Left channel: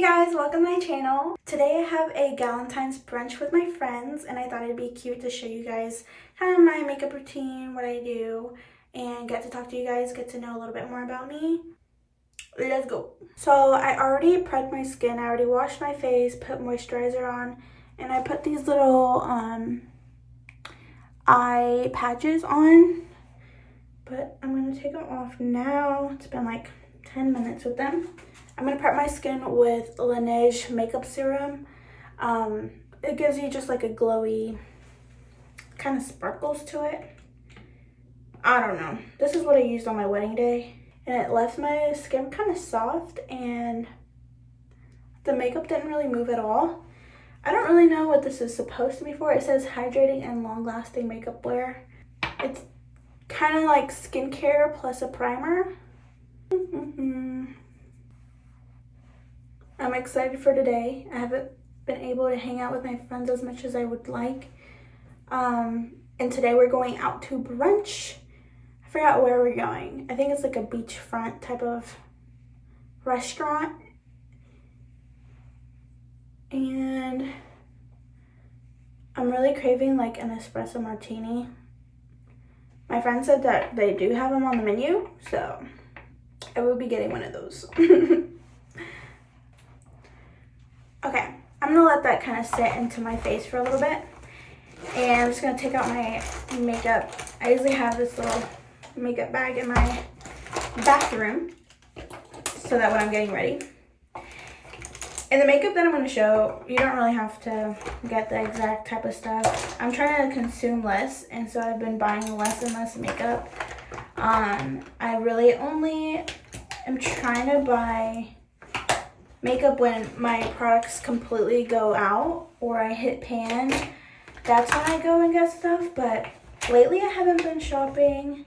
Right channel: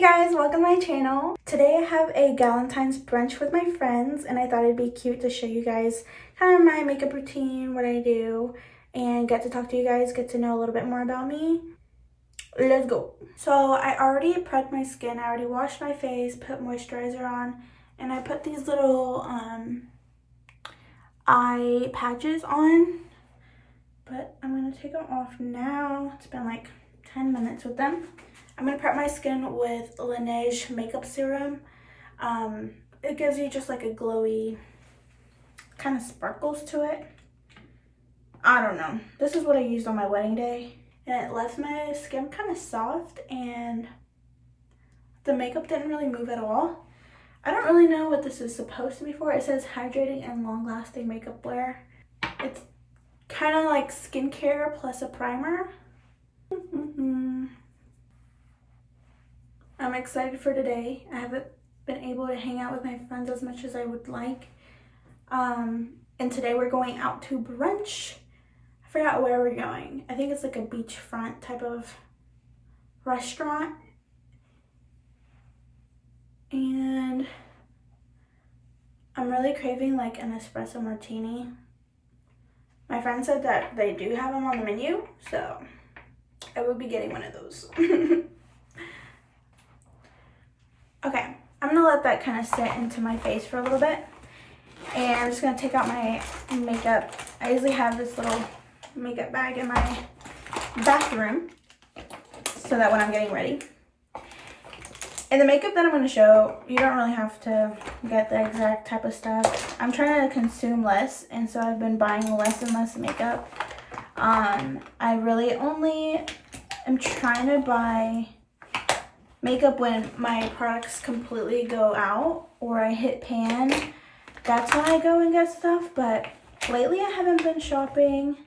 Hey guys, welcome to my channel. Today I have a Galentine's brunch with my friends and I thought it'd be cute to show you guys kind of my makeup routine, what I do, and get to talk to you guys, get to know a little bit more about me. Let's go. So I already prepped my skin, I already washed my face, put moisturizer on, and I put these little eye patches on, but I'm gonna take them off now. It's been like 10 minutes with them. I'm gonna prep my skin with Laneige makeup serum. It gives you just like a glowy, kind of sparkles to it. I don't know. This is what I used on my wedding day, and it left my skin kind of soft, and the makeup didn't really move at all. I don't really know what this is supposed to be for. It says hydrating and long-lasting makeup wear. It's kind of like skincare plus a primer. I'm excited for today. I haven't been able to hang out with my friends as much as I would like. And today we're going out to brunch. I forgot where we're going. I think it's like a beachfront type of restaurant. And I'm really craving like an espresso martini. My friend said that they do have them on the menu, so I will be getting one of those. Okay, I'm gonna let that kind of sit into my face for a little bit. And I'm just gonna take out my makeup. I usually have this little makeup bag in my bathroom so that when I'm getting ready. And the makeup that I'm gonna show, you don't really have to get the exact type of stuff. I'm trying to consume less, and so I've been buying less and less makeup. I really only am trying to buy makeup when my products completely go out or I hit pan. That's when I go and get stuff, but lately I haven't been shopping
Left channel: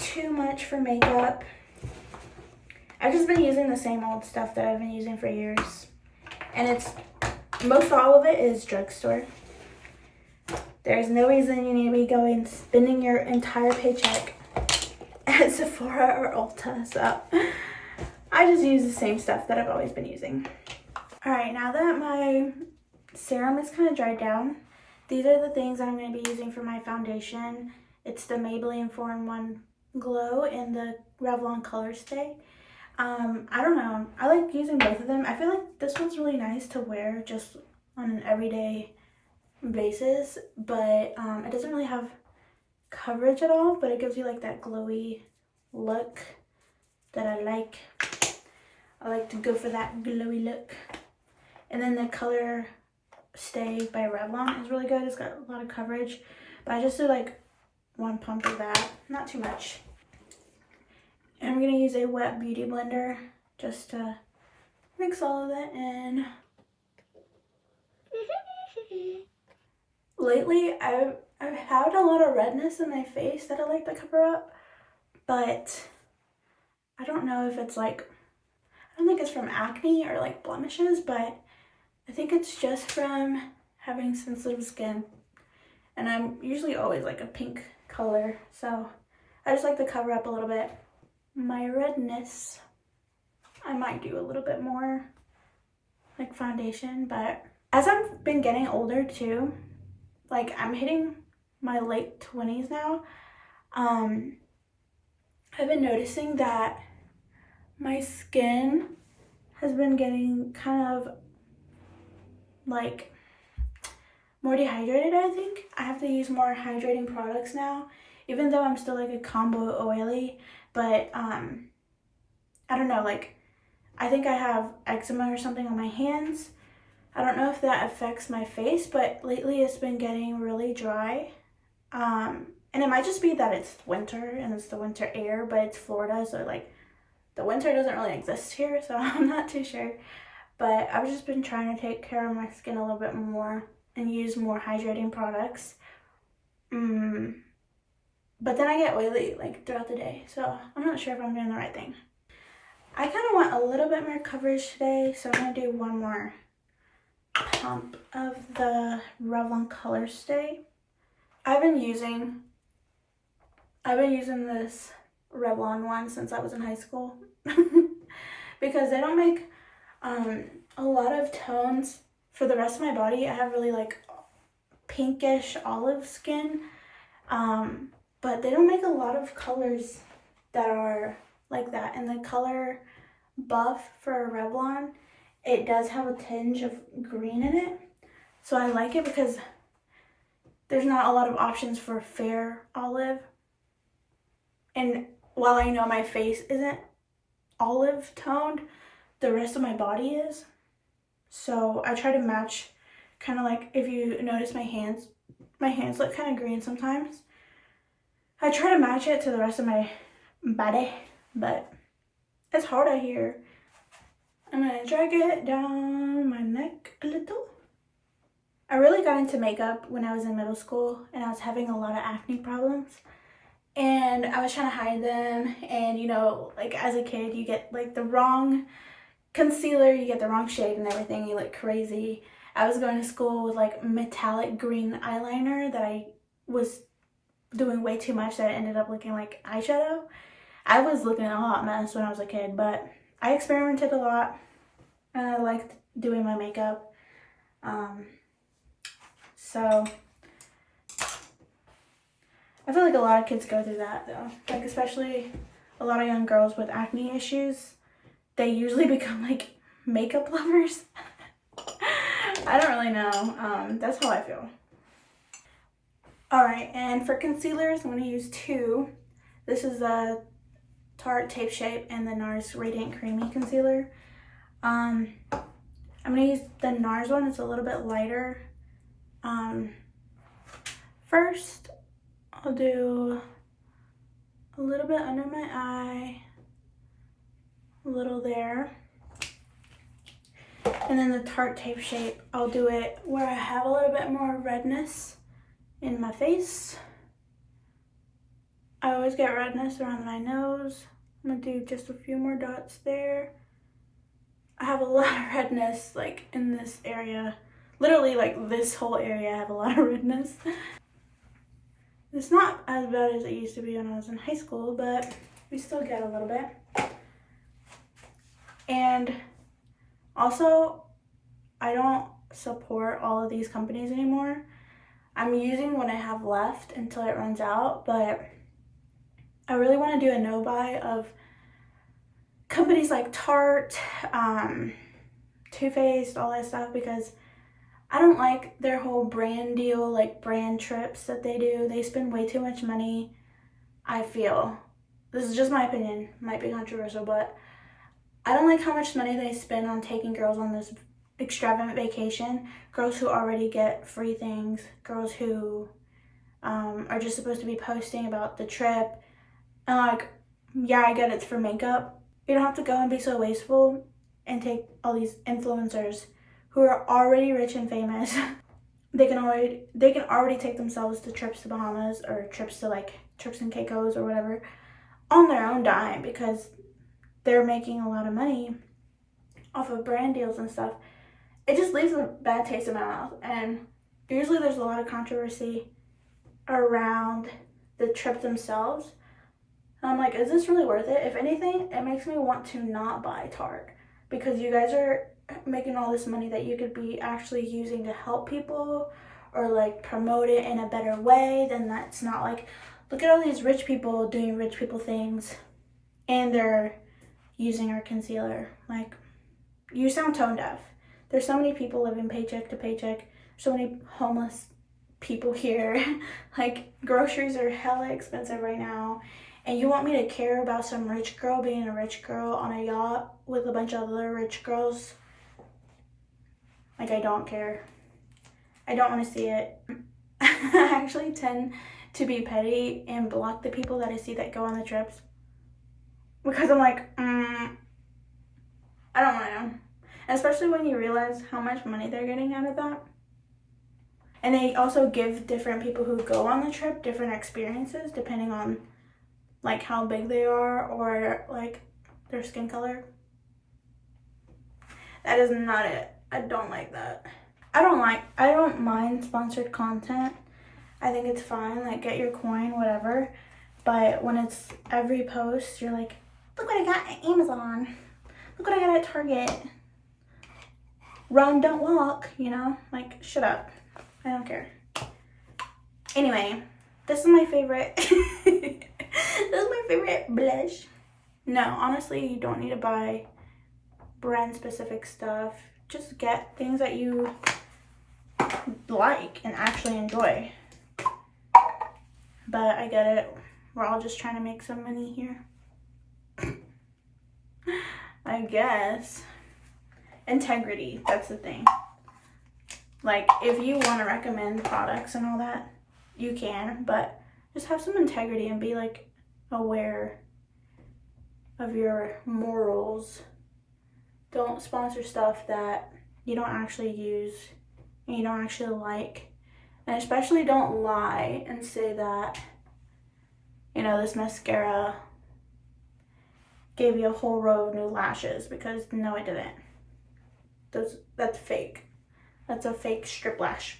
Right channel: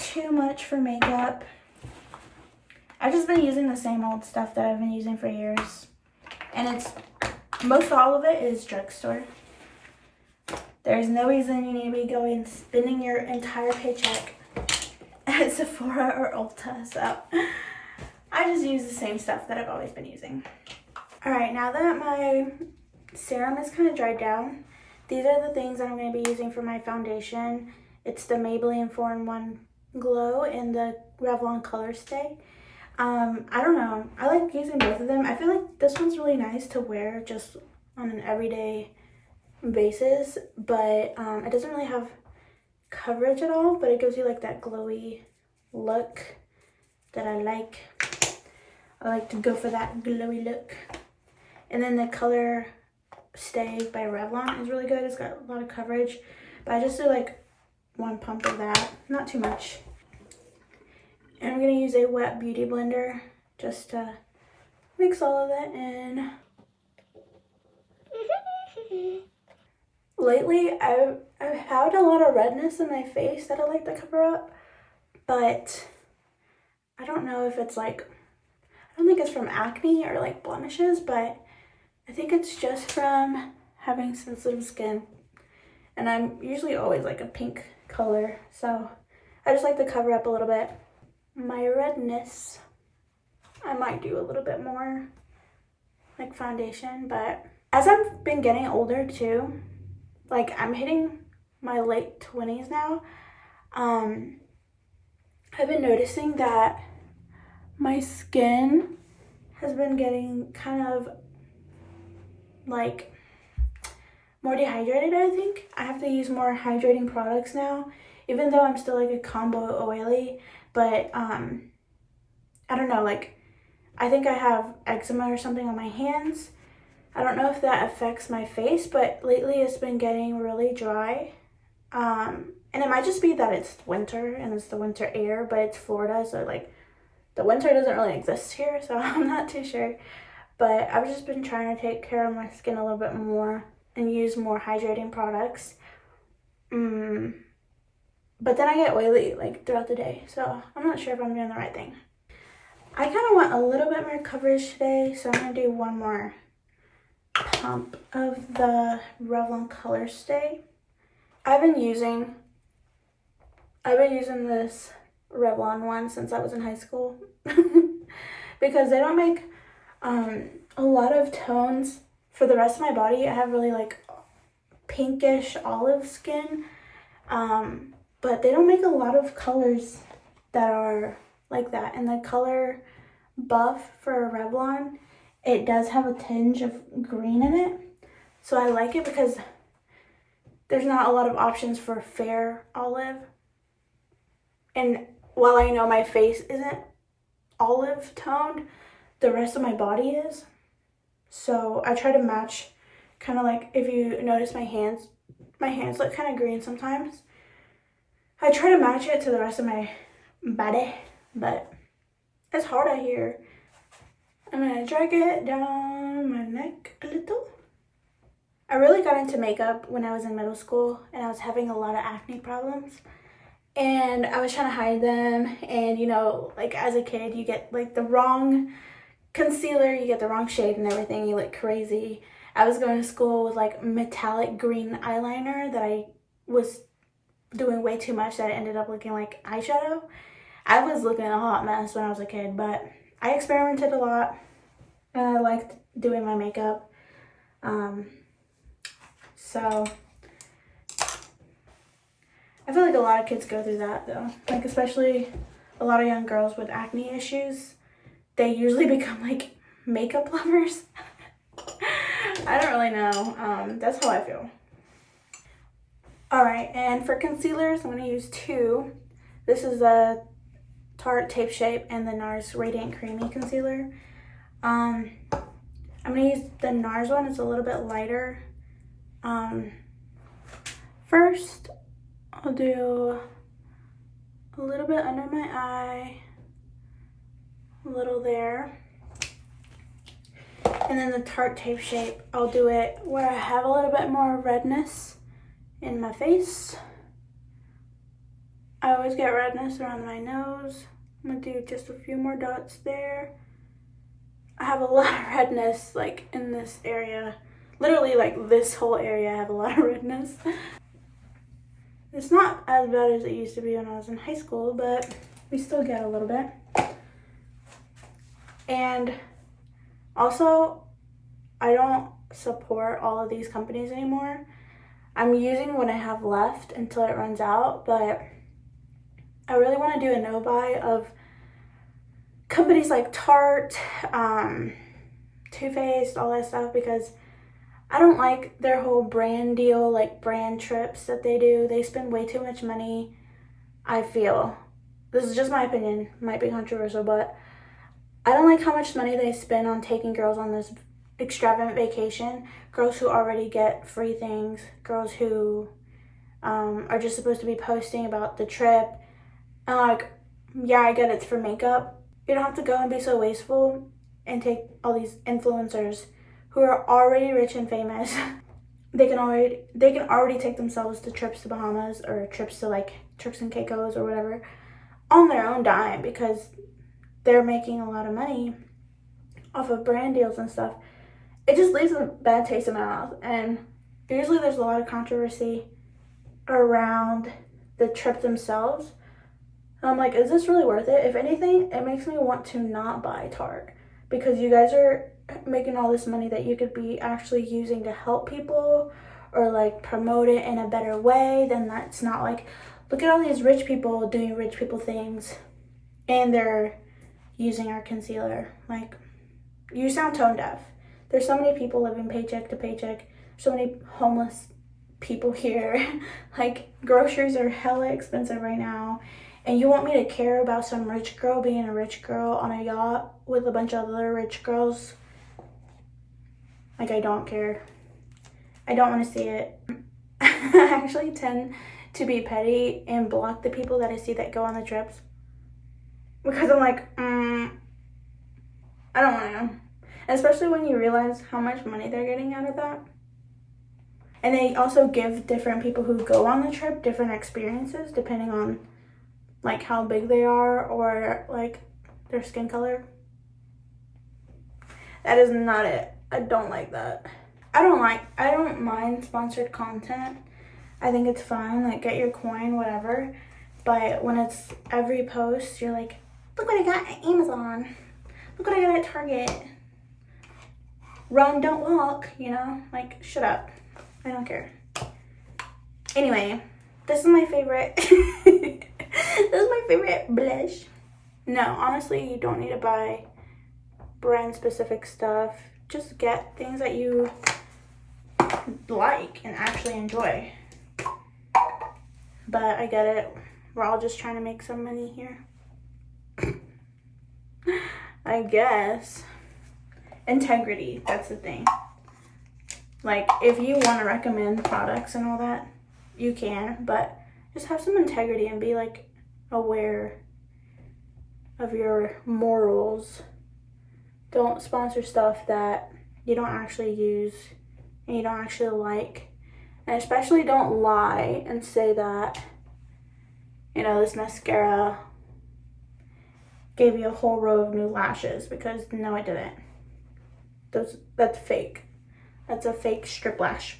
too much for makeup. I've just been using the same old stuff that I've been using for years, and it's most all of it is drugstore. There's no reason you need to be going spending your entire paycheck at Sephora or Ulta, so I just use the same stuff that I've always been using. All right, now that my serum is kind of dried down, these are the things that I'm going to be using for my foundation. It's the Maybelline 4-in-1 Glow and the Revlon Color Stay. I don't know. I like using both of them. I feel like this one's really nice to wear just on an everyday basis, but it doesn't really have coverage at all, but it gives you like that glowy look that I like. I like to go for that glowy look. And then the Color Stay by Revlon is really good. It's got a lot of coverage, but I just do like one pump of that, not too much. And I'm gonna use a wet beauty blender just to mix all of that in. Lately, I've had a lot of redness in my face that I like to cover up, but I don't know if it's like, I don't think it's from acne or like blemishes, but I think it's just from having sensitive skin. And I'm usually always like a pink color, so I just like to cover up a little bit my redness. I might do a little bit more like foundation, but as I've been getting older too, like I'm hitting my late 20s now, I've been noticing that my skin has been getting kind of like more dehydrated. I think I have to use more hydrating products now, even though I'm still like a combo oily, but I don't know, like I think I have eczema or something on my hands. I don't know if that affects my face, but lately it's been getting really dry. And it might just be that it's winter and it's the winter air, but it's Florida, so like the winter doesn't really exist here, so I'm not too sure. But I've just been trying to take care of my skin a little bit more and use more hydrating products. But then I get oily like throughout the day, so I'm not sure if I'm doing the right thing. I kind of want a little bit more coverage today, so I'm going to do one more pump of the Revlon Color Stay. I've been using this Revlon one since I was in high school because they don't make A lot of tones. For the rest of my body, I have really like pinkish olive skin, but they don't make a lot of colors that are like that. And the color Buff for Revlon, it does have a tinge of green in it, so I like it because there's not a lot of options for fair olive. And while I know my face isn't olive toned, the rest of my body is. So I try to match, kind of like, if you notice my hands look kind of green sometimes. I try to match it to the rest of my body, but it's hard out here. I'm gonna drag it down my neck a little. I really got into makeup when I was in middle school, and I was having a lot of acne problems. And I was trying to hide them, and you know, like as a kid, you get like the wrong concealer, you get the wrong shade and everything, you look crazy. I was going to school with like metallic green eyeliner that I was doing way too much that it ended up looking like eyeshadow. I was looking a hot mess when I was a kid, but I experimented a lot and I liked doing my makeup. So I feel like a lot of kids go through that though. Like especially a lot of young girls with acne issues, they usually become like makeup lovers. I don't really know. That's how I feel. Alright, and for concealers, I'm going to use two. This is a Tarte Tape Shape and the NARS Radiant Creamy Concealer. I'm going to use the NARS one. It's a little bit lighter. First, I'll do a little bit under my eye, a little there. And then the Tarte Tape Shape, I'll do it where I have a little bit more redness in my face. I always get redness around my nose. I'm gonna do just a few more dots there. I have a lot of redness like in this area. Literally like this whole area I have a lot of redness. It's not as bad as it used to be when I was in high school, but we still get a little bit. And also, I don't support all of these companies anymore. I'm using what I have left until it runs out, but I really want to do a no-buy of companies like Tarte, Too Faced, all that stuff, because I don't like their whole brand deal, like brand trips that they do. They spend way too much money, I feel. This is just my opinion, might be controversial, but I don't like how much money they spend on taking girls on this extravagant vacation. Girls who already get free things, girls who are just supposed to be posting about the trip. And like, yeah, I get it's for makeup. You don't have to go and be so wasteful and take all these influencers who are already rich and famous. They can already take themselves to trips to Bahamas or trips to like Turks and Caicos or whatever on their own dime because they're making a lot of money off of brand deals and stuff. It just leaves a bad taste in my mouth, and usually there's a lot of controversy around the trip themselves. And I'm like, is this really worth it? If anything, it makes me want to not buy Tarte because you guys are making all this money that you could be actually using to help people or like promote it in a better way. Then that's not like, look at all these rich people doing rich people things and they're using our concealer. Like, you sound tone deaf. There's so many people living paycheck to paycheck, so many homeless people here. Like, groceries are hella expensive right now, and you want me to care about some rich girl being a rich girl on a yacht with a bunch of other rich girls? Like, I don't care. I don't want to see it. I actually tend to be petty and block the people that I see that go on the trips because I'm like, I don't want to. Especially when you realize how much money they're getting out of that. And they also give different people who go on the trip different experiences depending on like how big they are or like their skin color. That is not it. I don't like that. I don't mind sponsored content. I think it's fine, like get your coin, whatever. But when it's every post, you're like, look what I got at Amazon. Look what I got at Target. run, don't walk, you know? Like, shut up. I don't care. Anyway, this is my favorite. This is my favorite blush. No, honestly, you don't need to buy brand specific stuff. Just get things that you like and actually enjoy. But I get it. We're all just trying to make some money here. I guess. Integrity, that's the thing. Like, if you want to recommend products and all that, you can, but just have some integrity and be like aware of your morals. Don't sponsor stuff that you don't actually use and you don't actually like. And especially don't lie and say that, you know, this mascara gave you a whole row of new lashes, because no, it didn't. That's fake. That's a fake strip lash.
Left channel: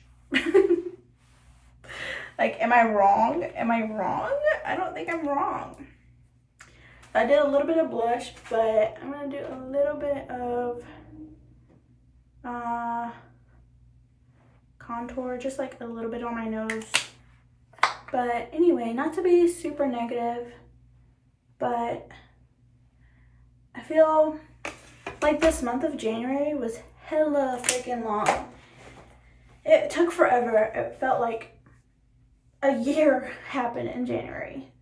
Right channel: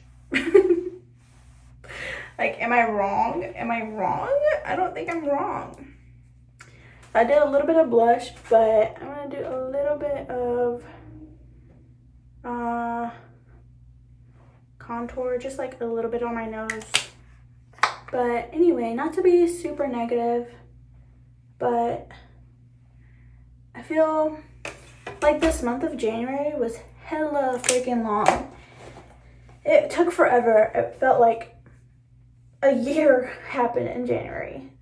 Like, am I wrong? Am I wrong? I don't think I'm wrong. I did a little bit of blush, but I'm gonna do a little bit of contour, just like a little bit on my nose. But anyway, not to be super negative, but I feel like this month of January was hella freaking long. It took forever. It felt like a year happened in January.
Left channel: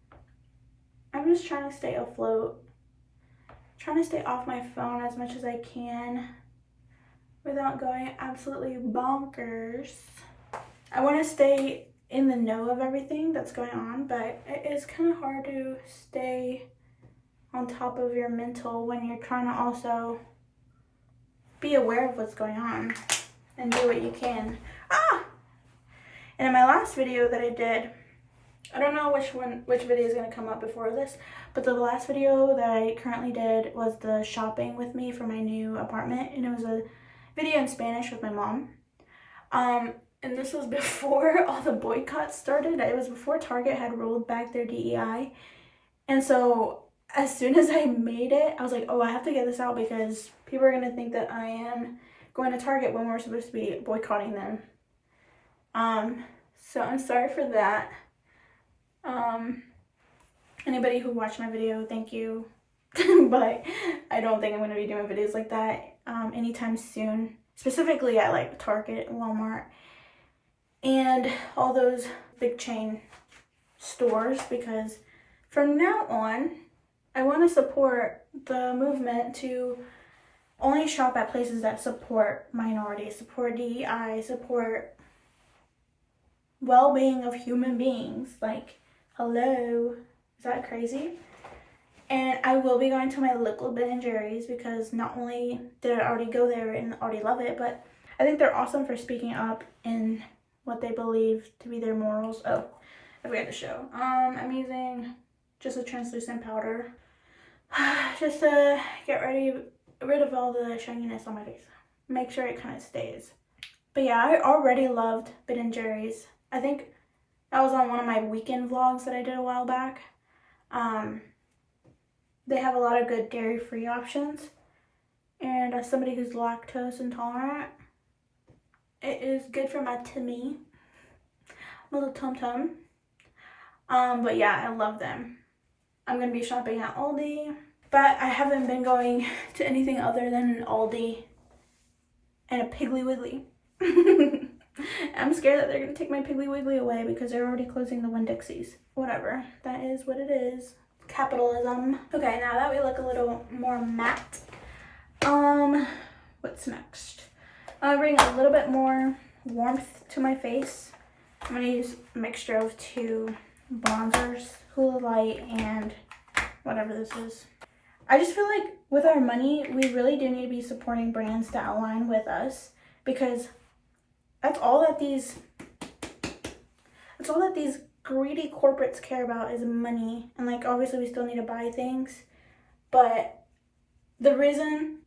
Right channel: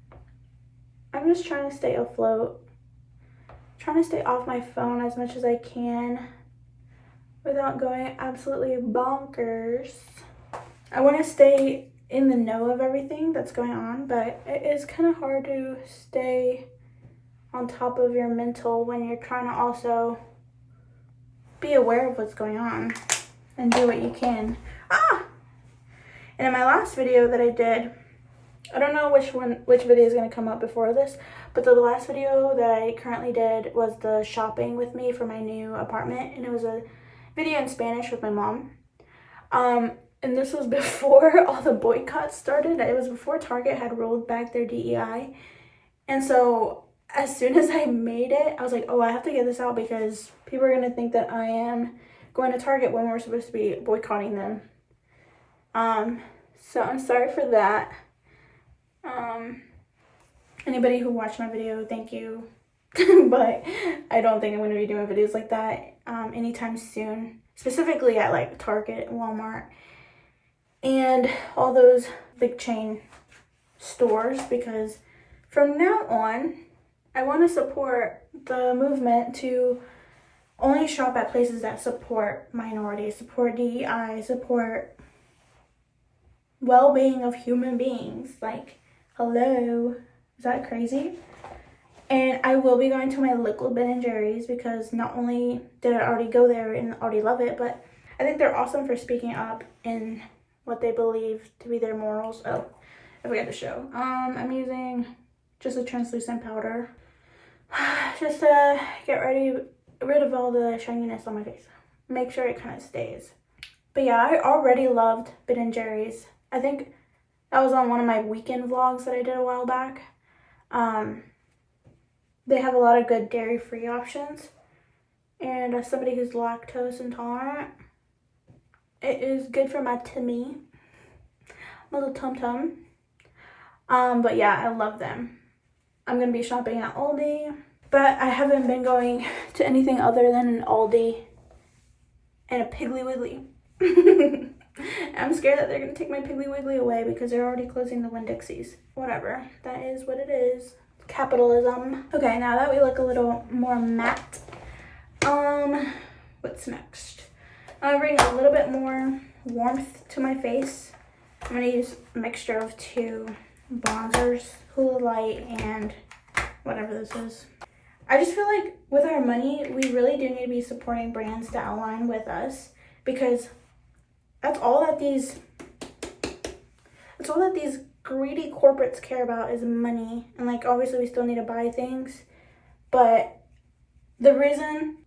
I'm just trying to stay afloat, trying to stay off my phone as much as I can without going absolutely bonkers. I want to stay in the know of everything that's going on, but it is kind of hard to stay on top of your mental when you're trying to also be aware of what's going on and do what you can. And in my last video that I did, I don't know which video is going to come up before this, but the last video that I currently did was the shopping with me for my new apartment, and it was a video in Spanish with my mom. And this was before all the boycotts started. It was before Target had rolled back their DEI. And so as soon as I made it, I was like, oh, I have to get this out because people are going to think that I am going to Target when we're supposed to be boycotting them. So I'm sorry for that. Anybody who watched my video, thank you. But I don't think I'm going to be doing videos like that anytime soon. Specifically at like Target, Walmart, and all those big chain stores, because from now on, I want to support the movement to only shop at places that support minorities, support DEI, support well-being of human beings. Like, hello, is that crazy? And I will be going to my local Ben & Jerry's, because not only did I already go there and already love it, but I think they're awesome for speaking up in what they believe to be their morals. Oh, I forgot to show. I'm using just a translucent powder just to get rid of all the shininess on my face. Make sure it kind of stays. But yeah, I already loved Ben & Jerry's. I think that was on one of my weekend vlogs that I did a while back. They have a lot of good dairy-free options. And as somebody who's lactose intolerant, it is good for my tummy. My little tum-tum. But yeah, I love them. I'm going to be shopping at Aldi. But I haven't been going to anything other than an Aldi and a Piggly Wiggly. I'm scared that they're going to take my Piggly Wiggly away because they're already closing the Winn-Dixies. Whatever. That is what it is. Capitalism. Okay, now that we look a little more matte, what's next? I'm gonna bring a little bit more warmth to my face. I'm gonna use a mixture of two bronzers, Hula Light and whatever this is. I just feel like with our money, we really do need to be supporting brands that align with us, because that's all that these greedy corporates care about is money. And like, obviously we still need to buy things, but the reason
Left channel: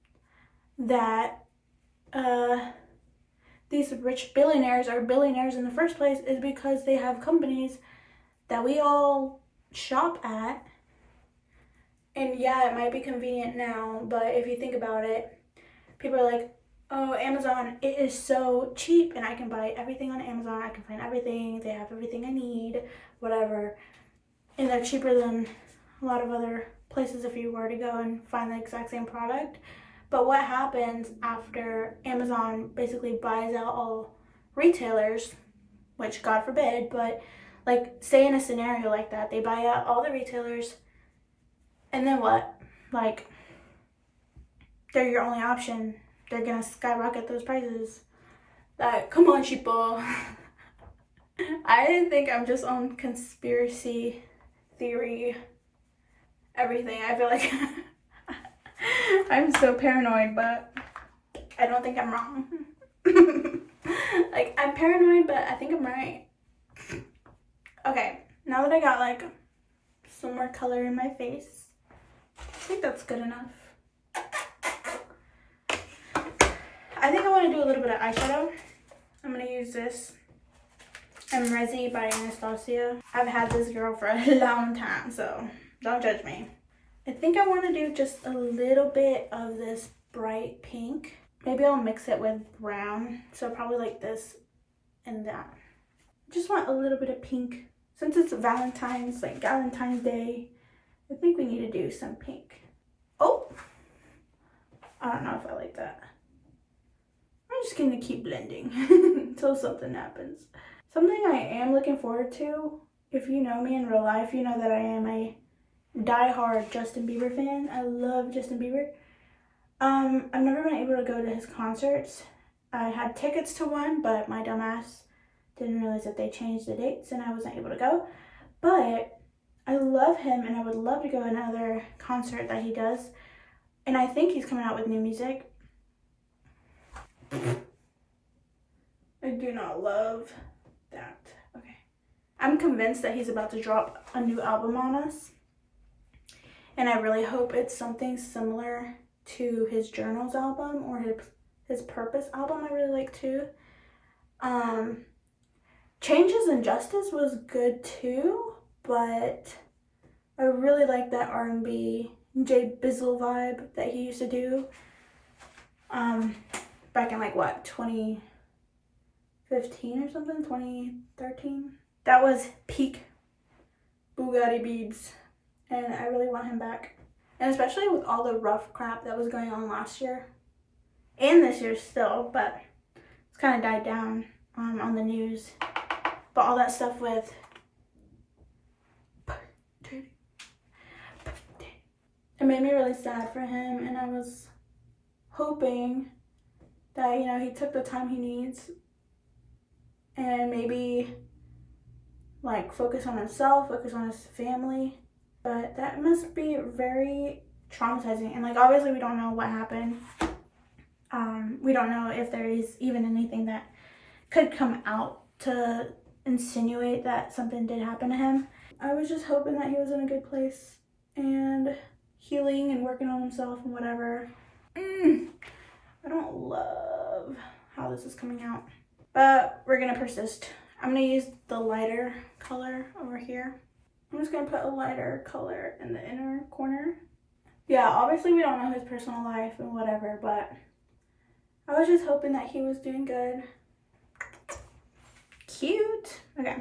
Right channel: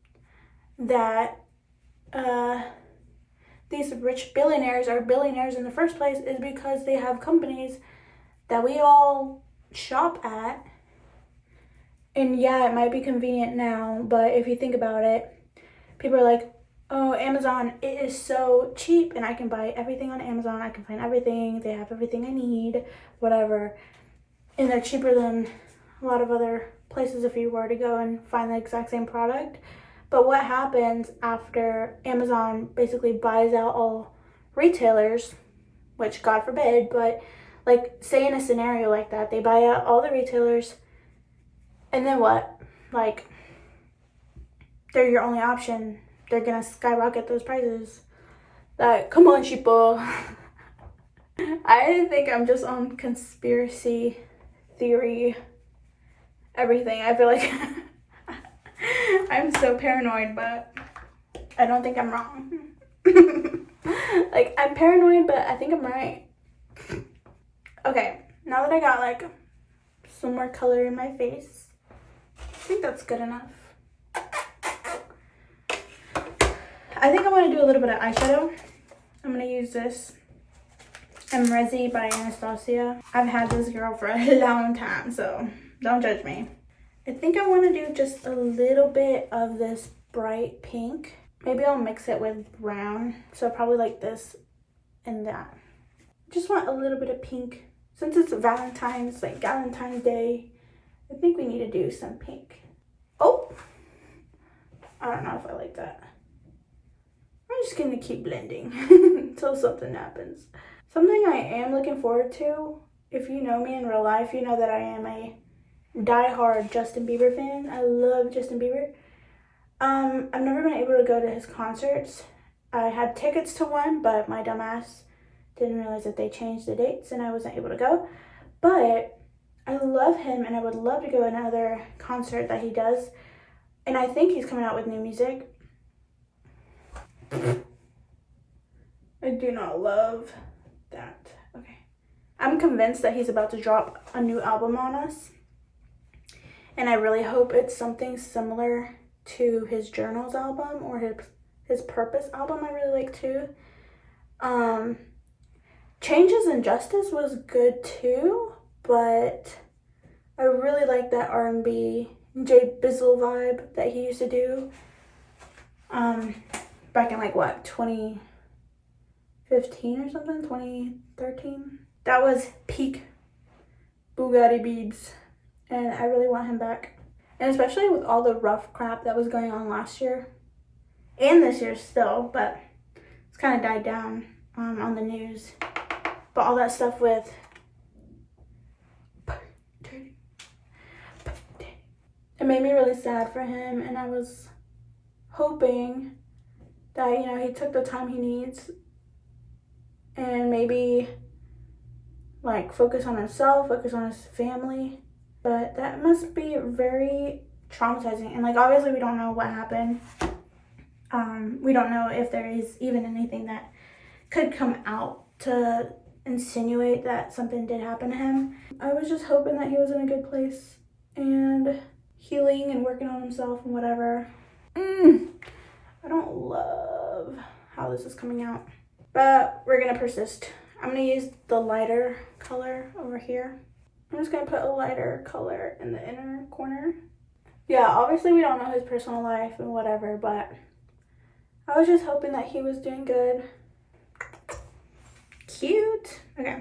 that these rich billionaires are billionaires in the first place is because they have companies that we all shop at. And yeah, it might be convenient now, but if you think about it, people are like, Oh, Amazon, it is so cheap and I can buy everything on Amazon. I can find everything. They have everything I need, whatever. And they're cheaper than a lot of other places if you were to go and find the exact same product. But what happens after Amazon basically buys out all retailers, which God forbid, but like say in a scenario like that, they buy out all the retailers and then what? Like they're your only option. They're gonna skyrocket those prices. Like, come on, sheeple. I think I'm just on conspiracy theory everything. I feel like I'm so paranoid, but I don't think I'm wrong. Like, I'm paranoid, but I think I'm right. Okay, now that I got like some more color in my face, I think that's good enough. I think I want to do a little bit of eyeshadow. I'm going to use this Resi by Anastasia. I've had this girl for a long time, so don't judge me. I think I want to do just a little bit of this bright pink. Maybe I'll mix it with brown, so probably like this and that. Just want a little bit of pink. Since it's Valentine's, like Galentines Day, I think we need to do some pink. Oh! I don't know if I like that. I'm just gonna keep blending until something happens. Something I am looking forward to, if you know me in real life, you know that I am a die-hard Justin Bieber fan. I love Justin Bieber. I've never been able to go to his concerts. I had tickets to one, but my dumbass didn't realize that they changed the dates and I wasn't able to go. But I love him and I would love to go to another concert that he does. And I think he's coming out with new music. I do not love that. Okay. I'm convinced that he's about to drop a new album on us. And I really hope it's something similar to his Journals album or his Purpose album I really like too. Changes in Justice was good too, but I really like that R&B Jay Bizzle vibe that he used to do. Back in like what, 2015 or something, 2013. That was peak Bugatti Biebs, and I really want him back. And especially with all the rough crap that was going on last year and this year still, but it's kind of died down on the news. But all that stuff with it made me really sad for him, and I was hoping that, you know, he took the time he needs and maybe like focus on himself, focus on his family. But that must be very traumatizing, and like obviously we don't know what happened. We don't know if there is even anything that could come out to insinuate that something did happen to him. I was just hoping that he was in a good place and healing and working on himself and whatever. I don't love how this is coming out, but we're gonna persist. I'm gonna use the lighter color over here. I'm just gonna put a lighter color in the inner corner. Yeah, obviously we don't know his personal life and whatever, but I was just hoping that he was doing good. Cute. Okay.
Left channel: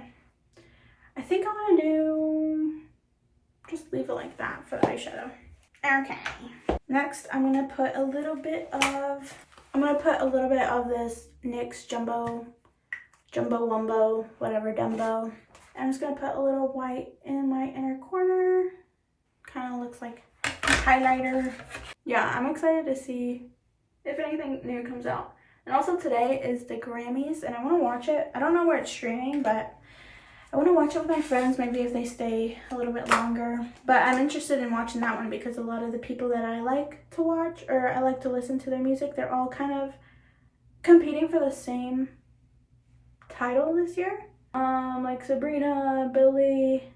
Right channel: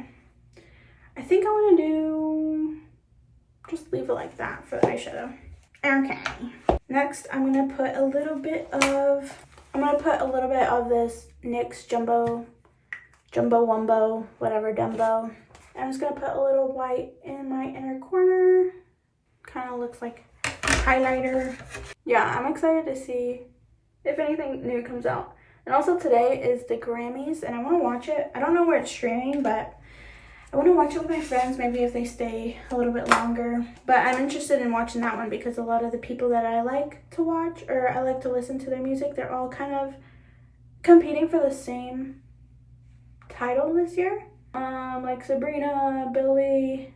I think I want to do, just leave it like that for the eyeshadow. Okay. Next, I'm going to put a little bit of this NYX Jumbo Wumbo, whatever, Dumbo. I'm just going to put a little white in my inner corner. Kind of looks like a highlighter. Yeah, I'm excited to see if anything new comes out. And also today is the Grammys, and I want to watch it. I don't know where it's streaming, but I want to watch it with my friends, maybe if they stay a little bit longer. But I'm interested in watching that one because a lot of the people that I like to watch, or I like to listen to their music, they're all kind of competing for the same title this year. Like Sabrina, Billie,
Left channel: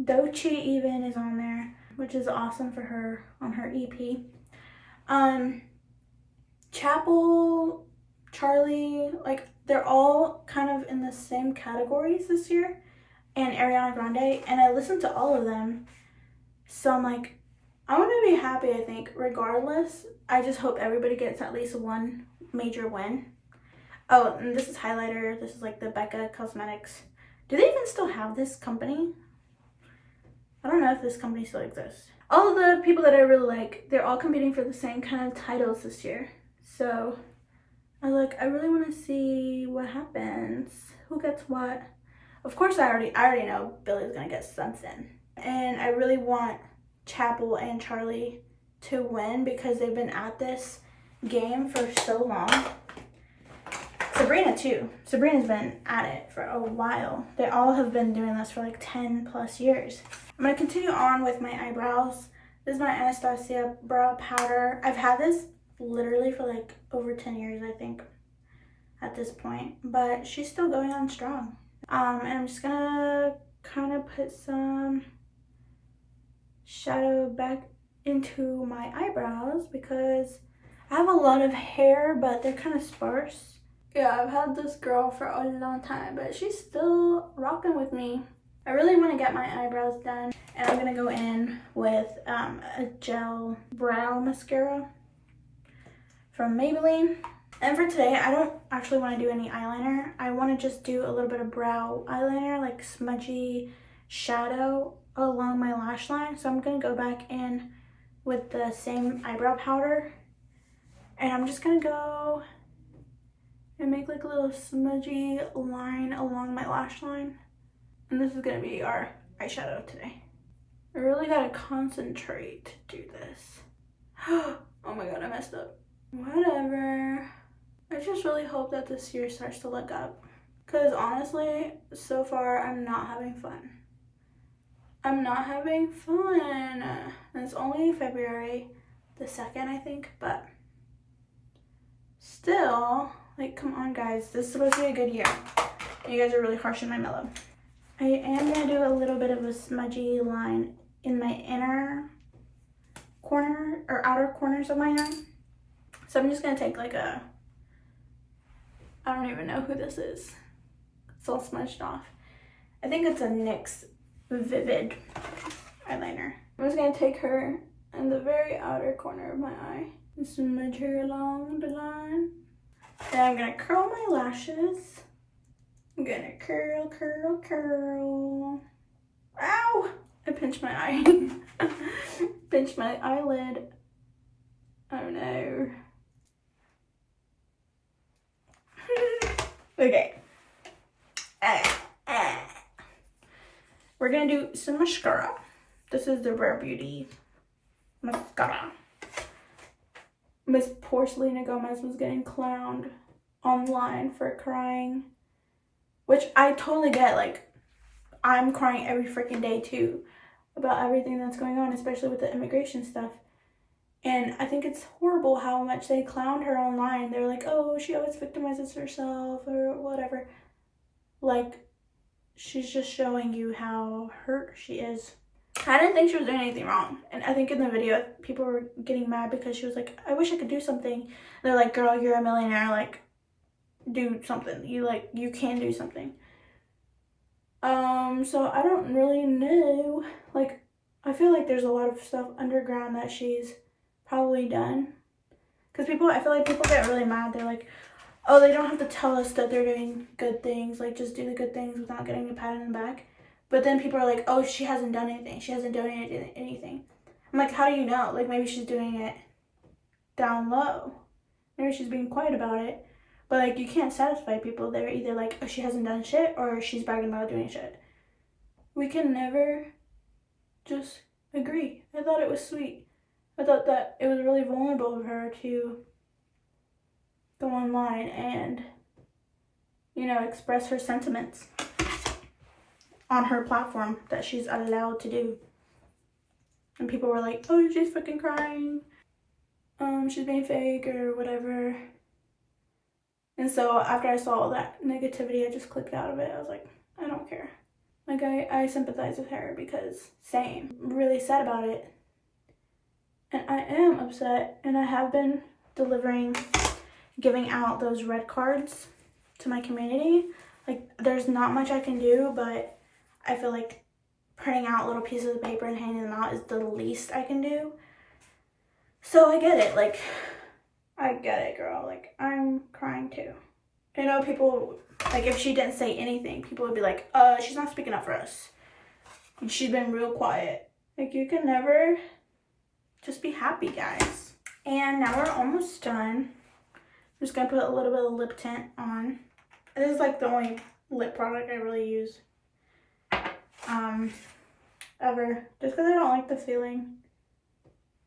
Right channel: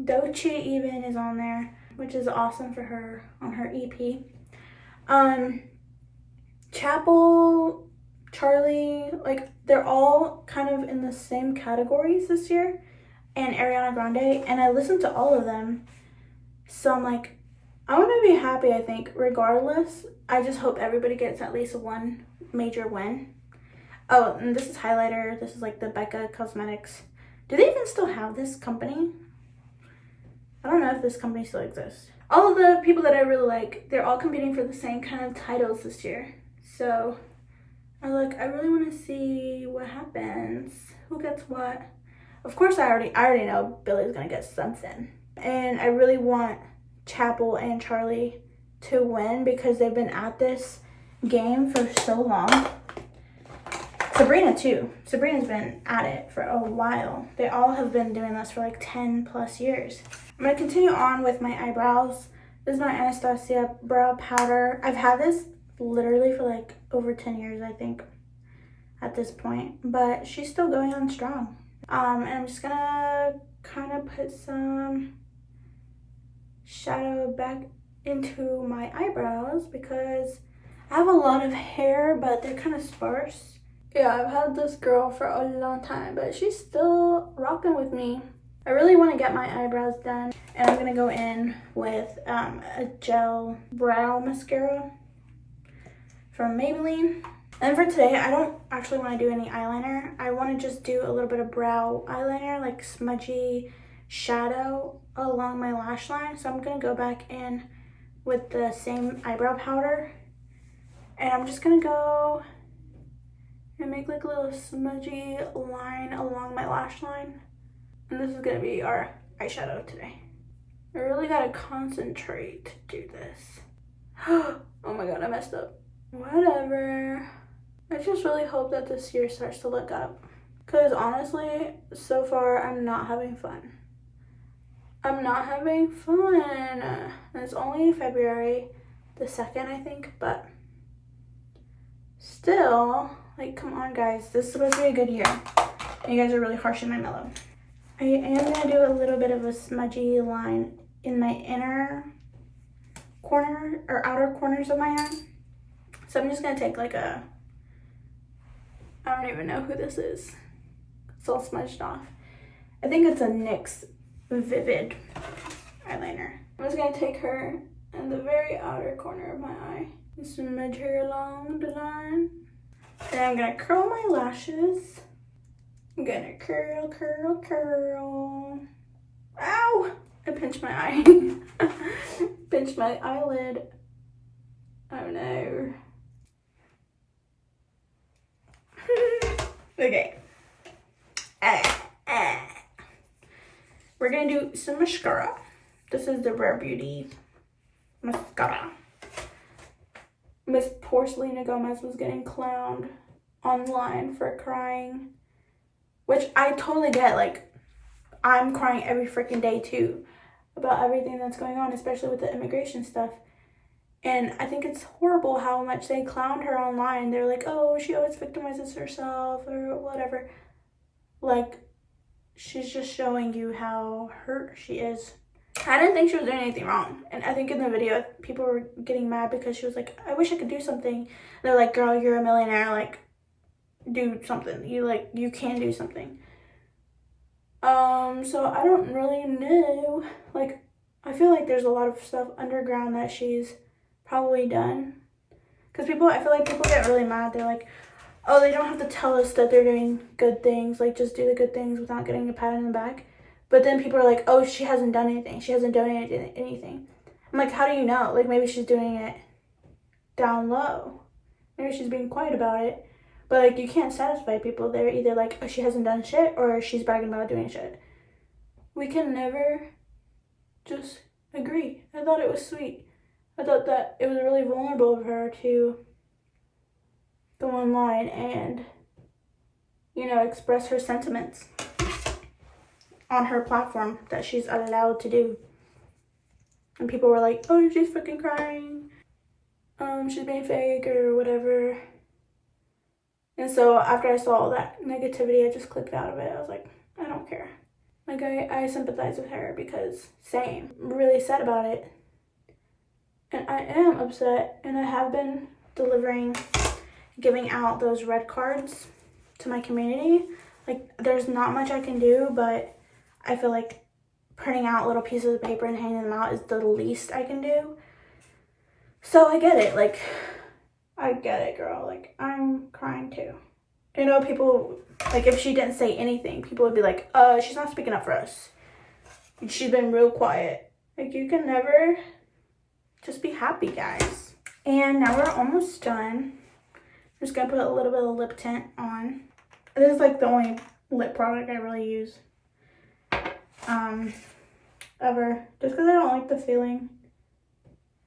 Doechii even is on there, which is awesome for her on her EP. Chapel, Charlie, like they're all kind of in the same categories this year, and Ariana Grande, and I listened to all of them, so I'm like, I want to be happy, I think, regardless. I just hope everybody gets at least one major win. Oh, and this is highlighter. This is like the Becca Cosmetics. Do they even still have this company? I don't know if this company still exists. All of the people that I really like, they're all competing for the same kind of titles this year. So I was like, I really want to see what happens. Who gets what? Of course, I already know Billy's gonna get something. And I really want Chapel and Charlie to win because they've been at this game for so long. Sabrina too. Sabrina's been at it for a while. They all have been doing this for like 10 plus years. I'm gonna continue on with my eyebrows. This is my Anastasia brow powder. I've had this literally for like over 10 years, I think, at this point, but she's still going on strong. And I'm just gonna kind of put some shadow back into my eyebrows because I have a lot of hair, but they're kind of sparse. Yeah, I've had this girl for a long time, but she's still rocking with me. I really want to get my eyebrows done, and I'm gonna go in with a gel brow mascara from Maybelline. And for today, I don't actually want to do any eyeliner. I want to just do a little bit of brow eyeliner, like smudgy shadow along my lash line. So I'm gonna go back in with the same eyebrow powder, and I'm just gonna go and make like a little smudgy line along my lash line. And this is gonna be our eyeshadow today. I really gotta concentrate to do this. Oh my god, I messed up. Whatever. I just really hope that this year starts to look up. Because honestly, so far, I'm not having fun. I'm not having fun. And it's only February the 2nd, I think, but still, like, come on, guys. This is supposed to be a good year. And you guys are really harsh in my mellow. I am going to do a little bit of a smudgy line in my inner corner, or outer corners of my eye. So I'm just going to take like a, I don't even know who this is. It's all smudged off. I think it's a NYX Vivid eyeliner. I'm just going to take her in the very outer corner of my eye and smudge her along the line. Then I'm going to curl my lashes. I'm going to curl, curl, curl. Ow! I pinched my eye. Pinched my eyelid. Oh no. Okay. We're gonna do some mascara. This is the Rare Beauty mascara. Miss poor Selena Gomez was getting clowned online for crying, which I totally get. Like, I'm crying every freaking day too about everything that's going on, especially with the immigration stuff. And I think it's horrible how much they clowned her online. They're like, oh, she always victimizes herself or whatever. Like, she's just showing you how hurt she is. I didn't think she was doing anything wrong. And I think in the video, people were getting mad because she was like, I wish I could do something. They're like, girl, you're a millionaire. Like, do something. You can do something. So I don't really know. Like, I feel like there's a lot of stuff underground that she's probably done. Because I feel like people get really mad. They're like, oh, they don't have to tell us that they're doing good things. Like, just do the good things without getting a pat on the back. But then people are like, oh, she hasn't done anything. She hasn't donated anything. I'm like, how do you know? Like, maybe she's doing it down low. Maybe she's being quiet about it. But, like, you can't satisfy people. They're either like, oh, she hasn't done shit, or she's bragging about doing shit. We can never just agree. I thought it was sweet. I thought that it was really vulnerable of her to go online and, express her sentiments on her platform that she's allowed to do. And people were like, oh, she's fucking crying. She's being fake or whatever. And so after I saw all that negativity, I just clicked out of it. I was like, I don't care. Like, I sympathize with her because same. I'm really sad about it. And I am upset, and I have been giving out those red cards to my community. Like, there's not much I can do, but I feel like printing out little pieces of paper and handing them out is the least I can do. So I get it. Like, I get it, girl. Like, I'm crying too. You know, people, like, if she didn't say anything, people would be like, she's not speaking up for us. She's been real quiet. Like, you can never just be happy, guys. And now we're almost done. I'm just gonna put a little bit of lip tint on. This is like the only lip product I really use ever, just because I don't like the feeling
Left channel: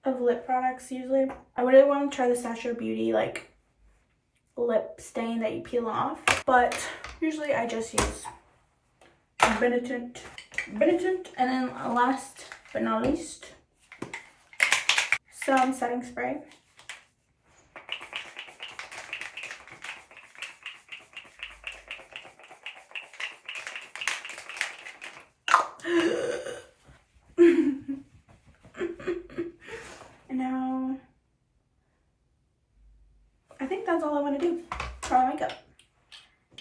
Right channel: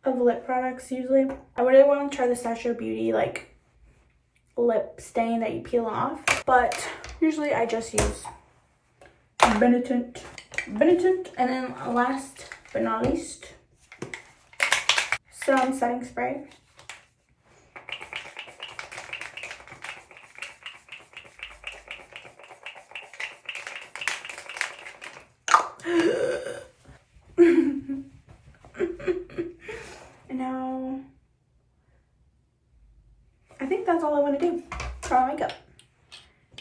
of lip products usually. I really want to try the Statue of Beauty like lip stain that you peel off, but usually I just use Benetint. And then last but not least, some setting spray. Now, I think that's all I want to do for my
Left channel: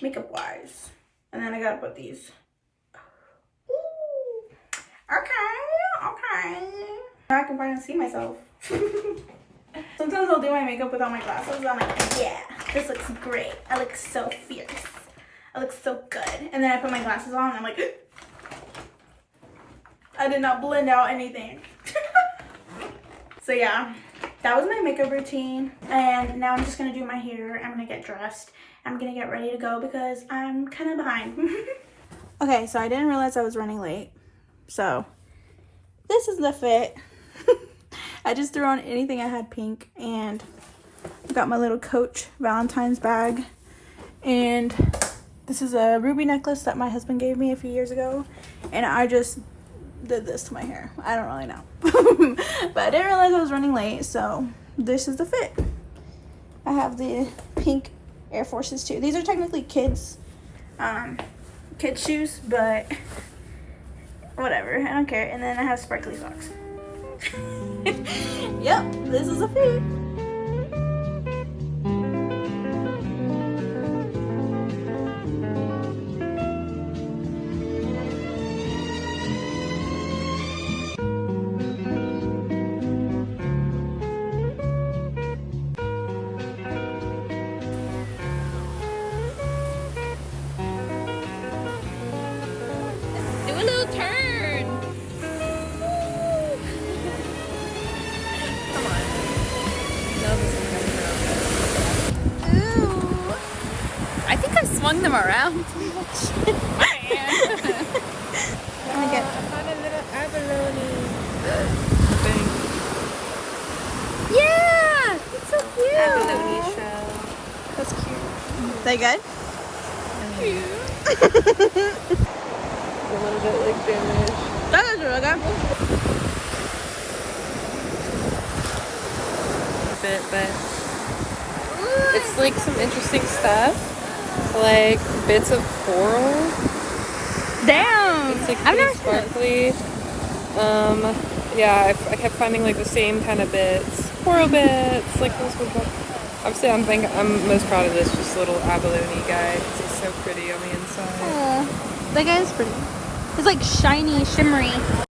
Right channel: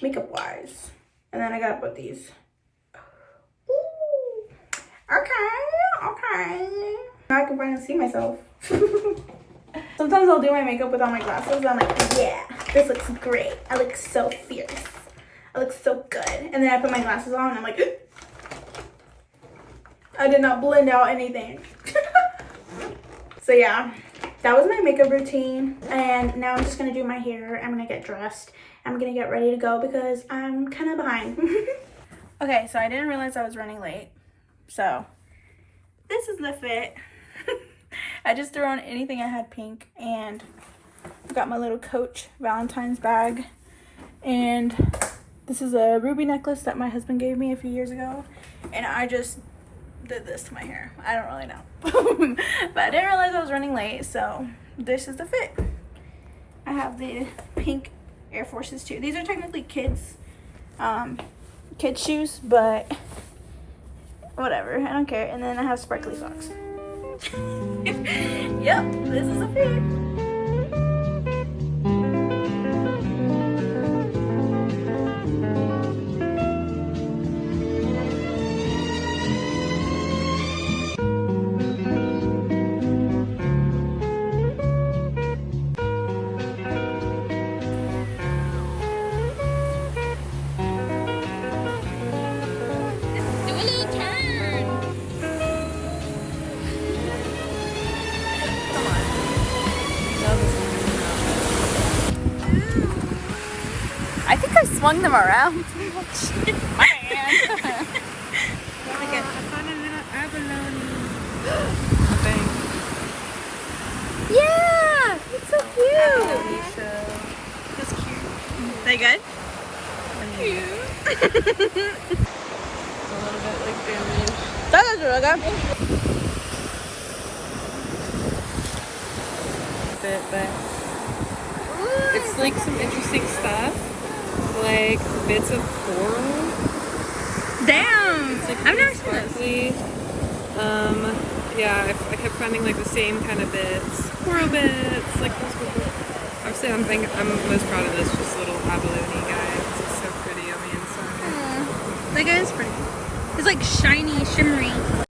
makeup wise. And then I gotta put these. Ooh. Okay. Now I can finally see myself. Sometimes I'll do my makeup without my glasses. I'm like, yeah, this looks great. I look so fierce. I look so good. And then I put my glasses on and I'm like, I did not blend out anything. So yeah, that was my makeup routine. And now I'm just gonna do my hair. I'm gonna get dressed. I'm gonna get ready to go because I'm kind of behind. Okay, so I didn't realize I was running late. So this is the fit. I just threw on anything I had pink, and I got my little Coach Valentine's bag. And this is a ruby necklace that my husband gave me a few years ago. And I just did this to my hair. I don't really know. But I didn't realize I was running late, so this is the fit. I have the pink Air Forces too. These are technically kids shoes, but whatever, I don't care. And then I have sparkly socks. Yep, this is a fit. I think I swung them around too much. Man. I found a little abalone. Thing. Yeah! It's so cute! That's cute. Is that good? Cute. A little bit like damaged. That is really good. But it's like some interesting stuff. Like bits of coral. Damn! It's like I've pretty never seen this. sparkly. Yeah, I kept finding like the same kind of bits. Coral bits, like those would obviously I'm most proud of this just little abalone guy. This is so pretty on the inside. That guy is pretty. He's like shiny, shimmery.